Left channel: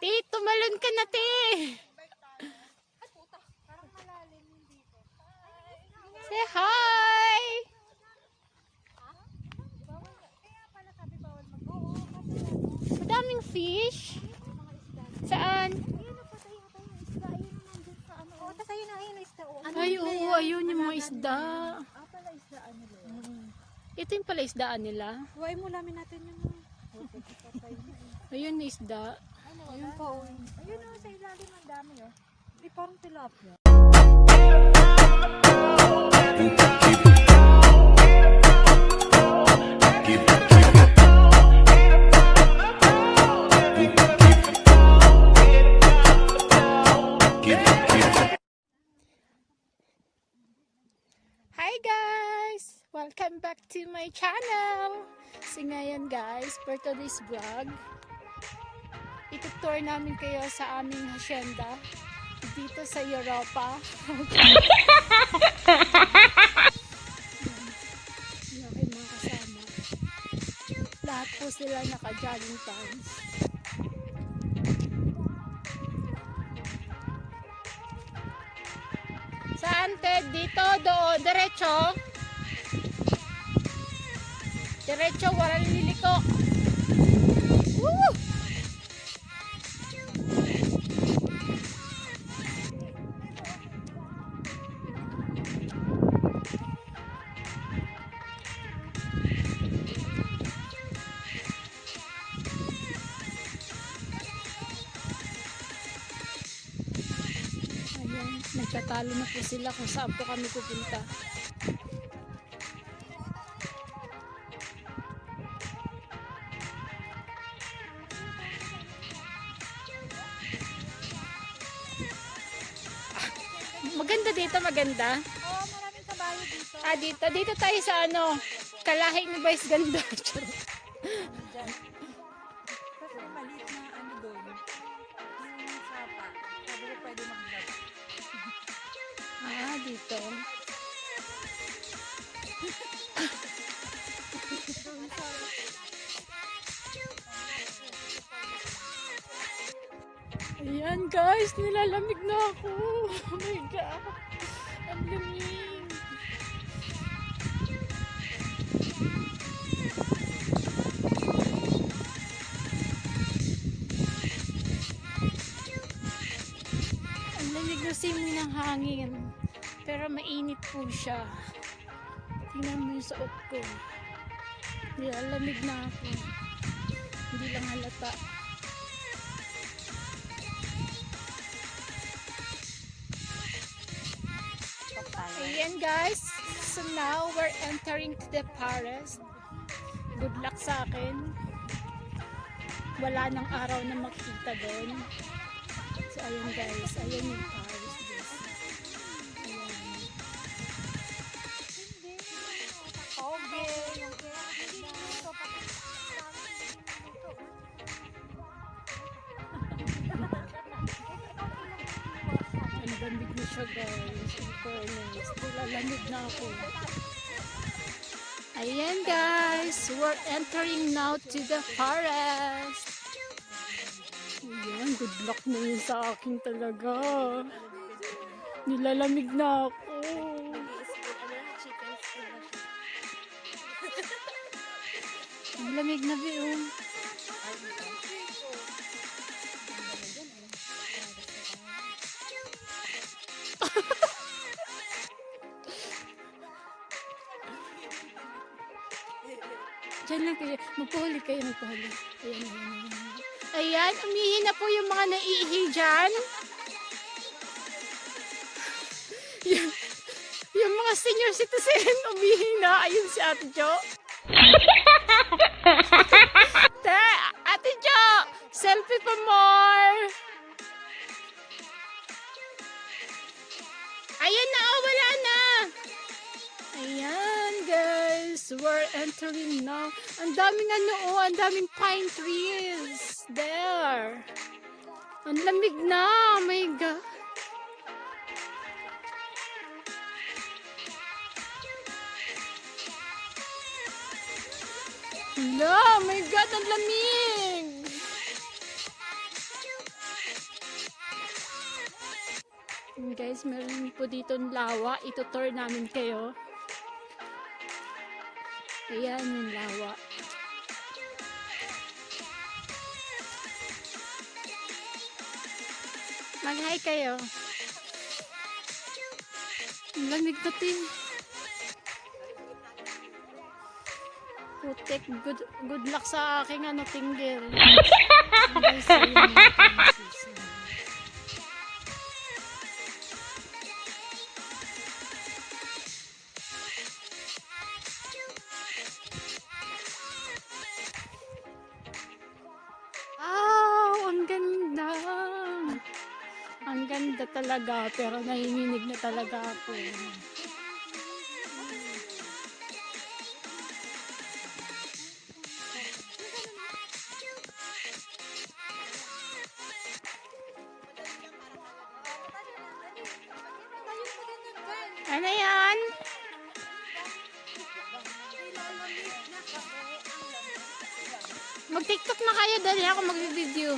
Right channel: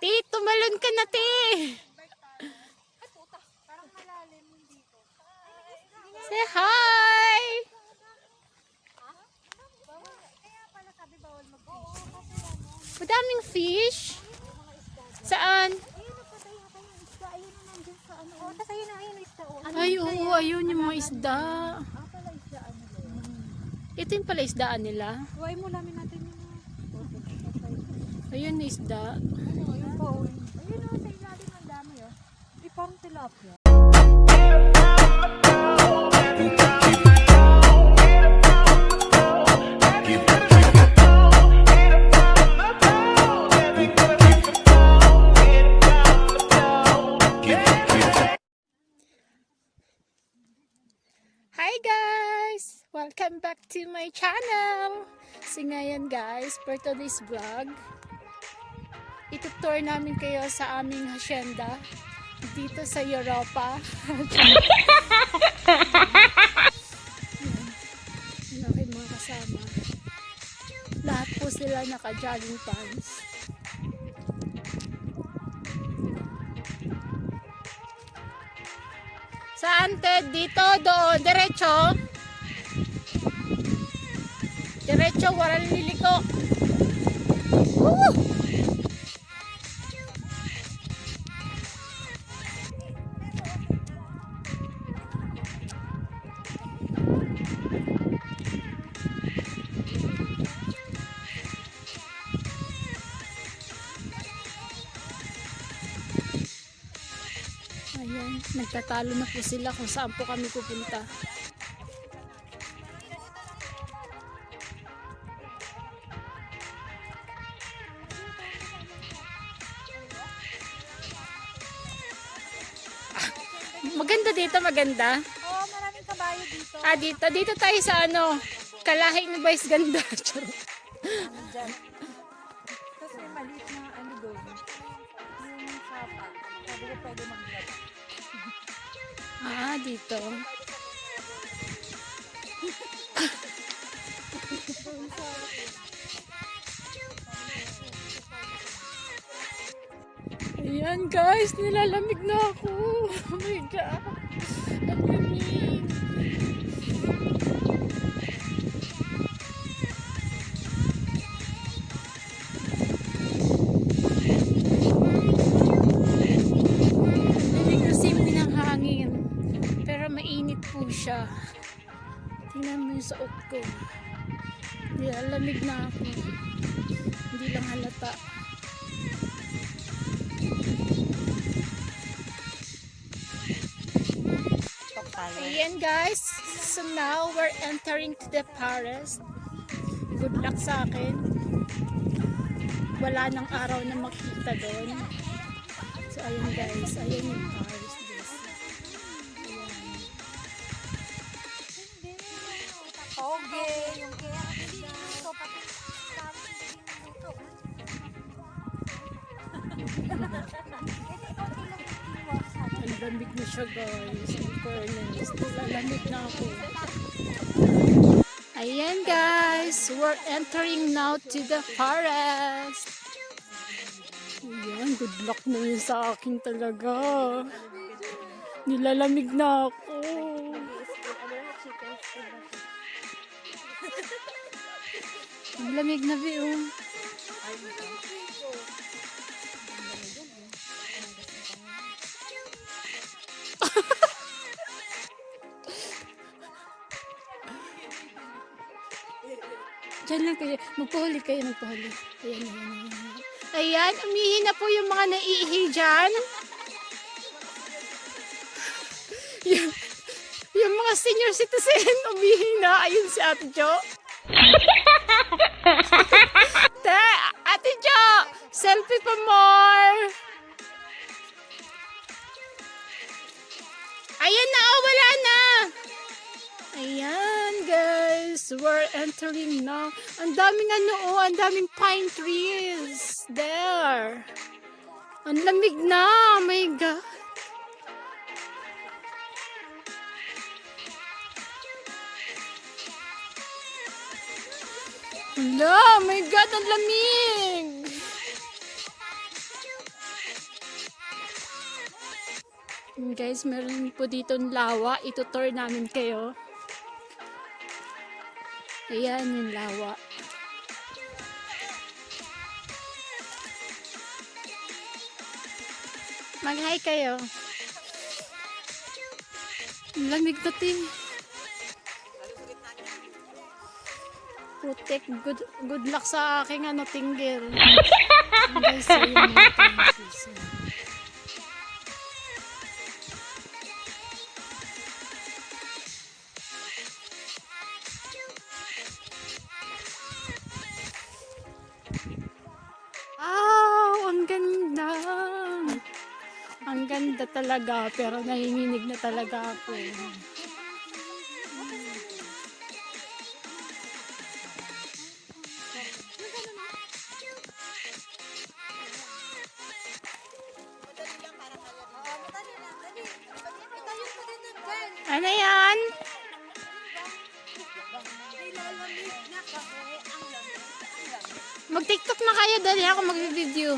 Ti, tumalon ka na, ti. Say hi. Madaming fish. Saan? Ay, oo, ayun yung mga isda. Ito yung pala isdaan nila. Huwag mo lamin natin yung... Ayun, isda. Ayun po. Ayun o, sa ilalim ng dami o. Hindi parang tilapia. Hi guys! Welcome back to my channel! So ngayon guys, for today's vlog, itutour namin kayo sa aming hacienda dito sa Europa. Yung aking mga kasama. Lahat po sila naka-jogging pants. Saan, Ted? Dito, doon. Diretso. Diretso, walang liliko. Woo! Nagtatalo na po sila kung saan po kami pupunta. Maganda dito, maganda. Oo, maraming kabayo dito. Dito. Dito tayo sa ano, Kalahing ni Vice Ganda. Dito. Ayan guys, nilalamig na ako. Oh my God. Ang lamig. Siya. Tingnan mo yung suot ko. Nilalamig na ako. Hindi lang halata. Ayan guys. So now we're entering to the forest. Good luck sa akin. Wala nang araw na makita doon. So ayun guys. Ayun yung forest. Ayan guys, we're entering now to the forest. Ayan, good luck na yun sa akin talaga. Nilalamig na ako. Ang lamig na view. Diyan lang kayo. Magpahuli kayo, magpahuli. Ayan, ayan, ayan. Ayan, umihi na po yung mga naiihi dyan. Yung mga senior citizen, umihi na. Ayun si Ate Jo. Ate Jo, selfie pa more. Ayan na, oh, wala na. Ayan guys, we're entering now. Ang daming ano, ang daming pine trees. There. Ang lamig na, oh my God. No, oh my God, ang lamig. Guys, meron po dito lawa. Itutour namin kayo. Ayan yung lawa. Mag-hi kayo. Lamig ko tin. Putek, good luck sa aking tinggil. Guys, ang ganda. Ang ganda talaga, pero nanginginig na talaga ako. Ano yan? Mag-TikTok na kayo, dali ako mag-video.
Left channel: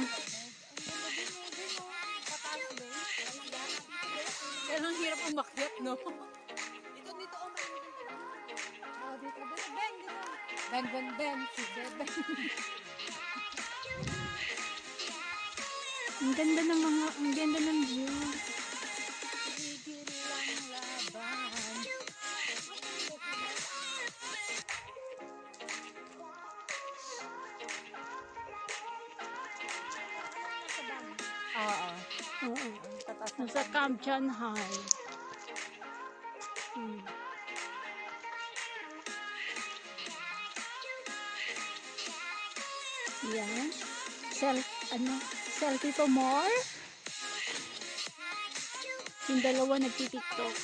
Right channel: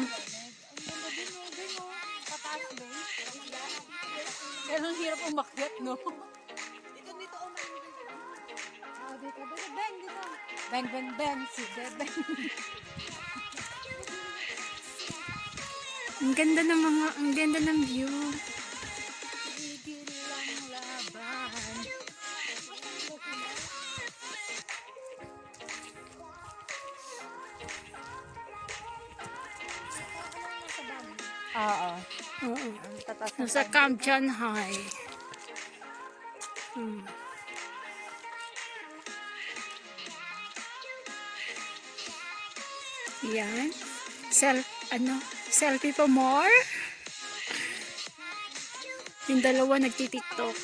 Pero ang hirap umakyat, no? Ben, ben, ben. Ang ganda ng view. Oo. Nasa Camp John High. Yan. Selfie for more. Yung dalawa nagtitiktok.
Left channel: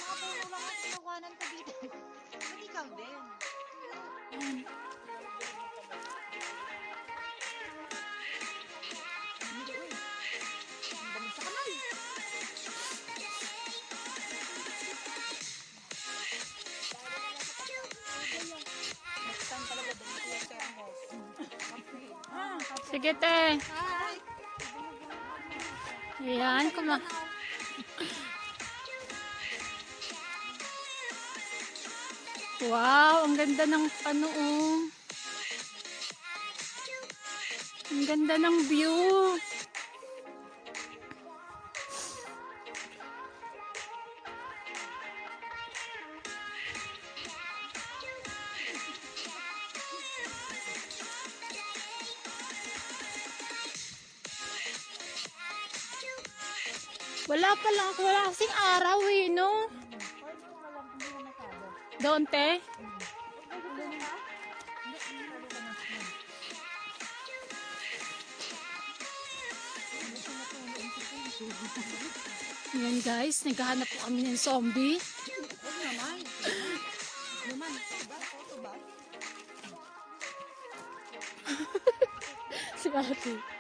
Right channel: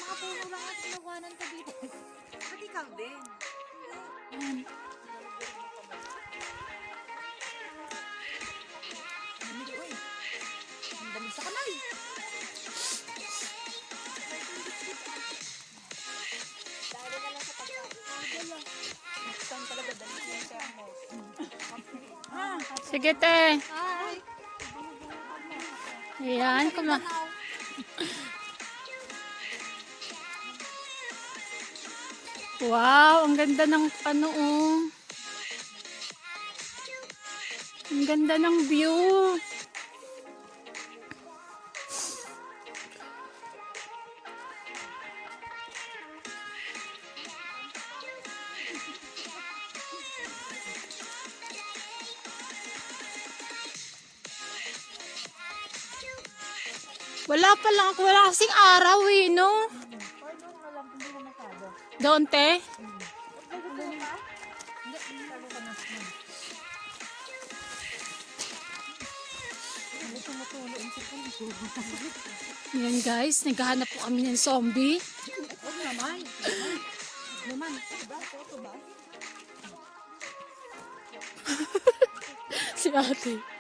Sige, te. Ayan, wow, ang ganda ng Ang ganda ng view. Wala kasing araw no? Doon, te? Yan guys, naghahanap po kami ng zombie. Si ate.